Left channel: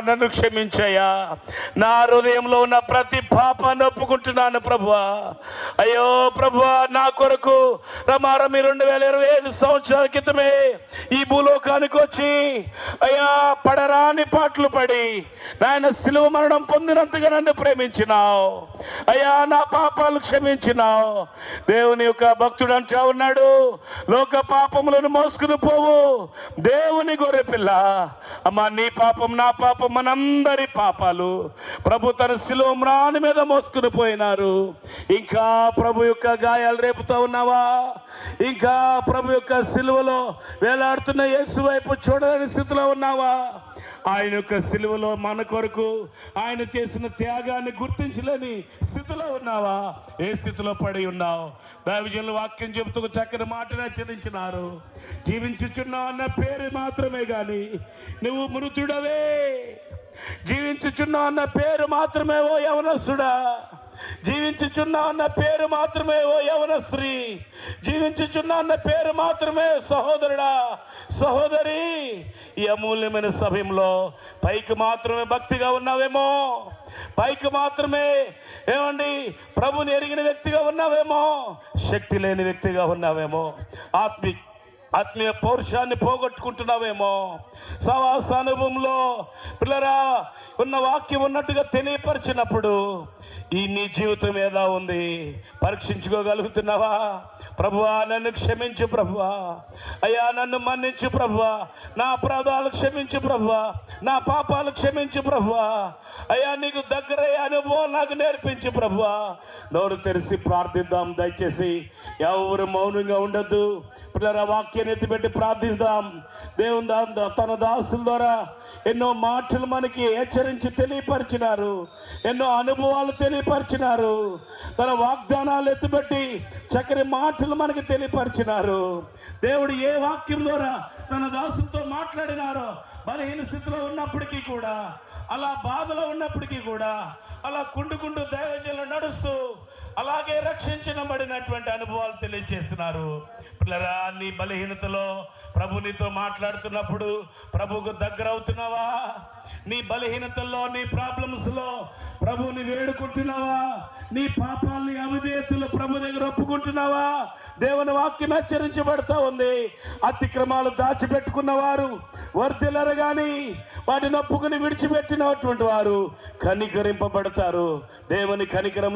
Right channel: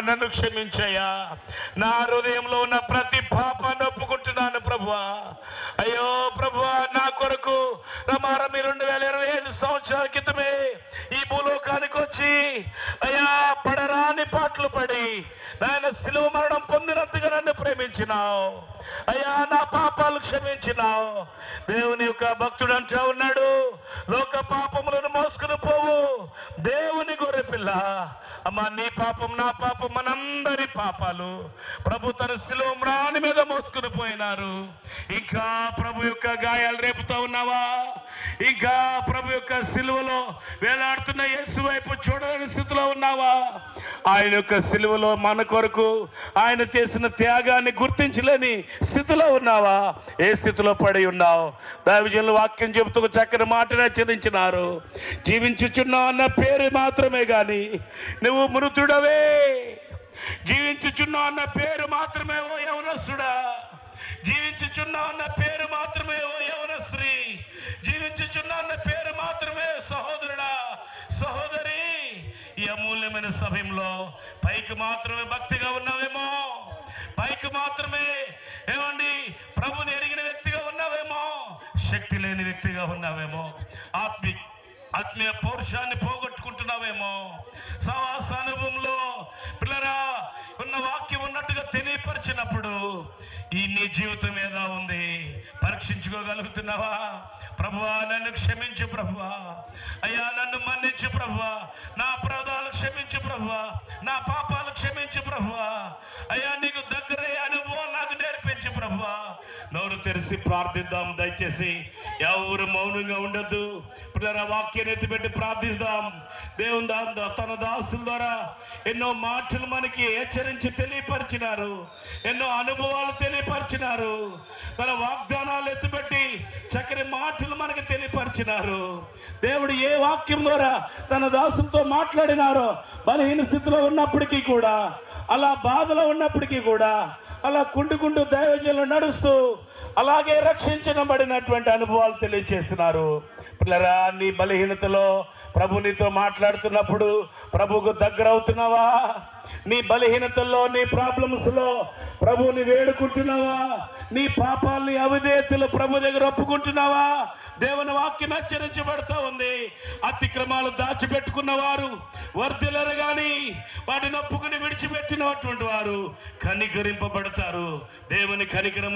నన్ను క్షమించయ్యా. నా హృదయంలో ఉన్న ప్రతి పాపాన్ని ఒప్పుకుంటున్నాను ప్రభువా. అయ్యో ప్రభువా, నా కొరకు రమారమి 2025 సంవత్సరాల క్రితమే ఈ భూలోకానికి వచ్చి అయ్యా పడరాని పాటలు పడి నాయన సిలువ మరణం పొందినంతగా నన్ను ప్రేమించినావు అయ్యా. నా పాపాలు క్షమించినావు. దేవుని యొక్క భక్తుడు అంటా ఉన్నాడు, లోక పాపములను మోసుకుని పోవు దేవుని గొర్రె పిల్ల. అమ్మా, నీ పాపం నా పాపం మనందరి పాపాలు ప్రభు తన సిలువ మ్రాని మీద మోసుకుని పోయినారు. ఇంకా ప్రభు యొక్క గాయాలు రేపుతా ఉన్నావా? ఇంకా ప్రభు యొక్క సిలువలో వేలాడుతున్న యేసు వైపు చూడలేని స్థితిలో ఉన్నావా? ఆయన యొక్క సిలువలో మన కొరకు ఆయన చేసిన త్యాగాన్ని గుర్తించలేని స్థితిలో ఉన్నావా? ఏ స్థితిలో పడి ఉన్నావు? దైవజనులు వాక్యం చెబుతూ చక్కని మాటను హెచ్చరించినారు. జీవించుచున్నావు అన్న పేరు మాత్రమే కానీ నువ్వు మృతుడవే. జీవించుచున్నావు అన్న పేరు మాత్రమే ఓ యవనస్తుడా. జీవించుచున్నావు అన్న పేరు మాత్రమే ఓ యవన స్త్రీ. జీవించుచున్నావు అన్న పేరు మాత్రమే సహోదరుడా, సహోదరి. ఈ అమూల్యమైన సమయంలో పైకి మాత్రమే భక్తిగా ఉన్నావేమో, పైకి మాత్రమే ఏమండి ప్రభుని ఎరిగిన వ్యక్తిగా ఉన్నావేమో, శక్తి లేని వ్యక్తిగా ఉన్నావేమో, ఆత్మీయ పౌరుషాన్ని పోగొట్టుకుంటున్నావేమో. సహవాస అనుభవంలో పిల్లరా ఉన్న వాక్యం ఉన్నట్టుగా తెలియపరిచినప్పుడు ఈ నీ జీవితం ఎలా ఉంది పరీక్షించుకోగలుగుతున్నావా? ప్రభువా, నన్ను క్షమించు ప్రభువా. అయ్యా, నన్ను మన్నించు ప్రభువా. నా అపరాధాలు క్షమించు ప్రభువా. నా పాపాలు క్షమించు ప్రభువా. అయ్యా, నీకు దగ్గరయ్యే అనుభవం నాకు నేర్పించు ప్రభువా. నోరు తెరిచి ప్రార్థిద్దాం. దయచేసి ఎవరు మౌనంగా ఉండద్దు. పిల్లల వాక్యాన్ని ఎత్తిపెట్టి ప్రార్థిద్దాం. దేవుని తన దాసుల ద్వారా ఎన్నో మాటలు మనకి హెచ్చరించి తెలియపరిచినారు, ఎన్నో అనుభవాలు తెలియపరిచినారు, తన వాగ్దానాలు ఎత్తిపెట్టి చక్కని మాటలు మనకి తెలియపరిచినారు. దేవుడు ఏ వాక్యం ద్వారా తన దాసులతో మాట్లాడినారో, బలహీన స్థితిలో ఉన్నప్పటికీ కూడా, అలా బాధలో ఉన్నప్పటికీ కూడా, అలా కుండుకుంటూ దైవజనులు నడుస్తూ అలాగే రక్షించబడినటువంటి అనుభవాలు తెలియజేస్తున్నారు. పిల్లరా, నీ బలహీనతలో ప్రభు నీతో మాట్లాడుతున్నప్పుడు ప్రభుకు దగ్గర అవుతున్నావా? నీ బలహీనతల్లో, నీ ప్రాబ్లమ్స్లో ప్రభుని వేడుకుంటున్నావా? నీ పాపాలని అవిధేయతలు ప్రభు దగ్గర ఒప్పుకుంటున్నావా? దేవుని వాక్యం హెచ్చరించబడతా ఉంది. అతిక్రమాలు దాచిపెట్టుకున్న వారు వర్ధిల్లరు గాని వాటిని ఒప్పుకుని విడిచిపెట్టినటువంటి వారు కనికరింపబడతారు. దేవుని కనికరం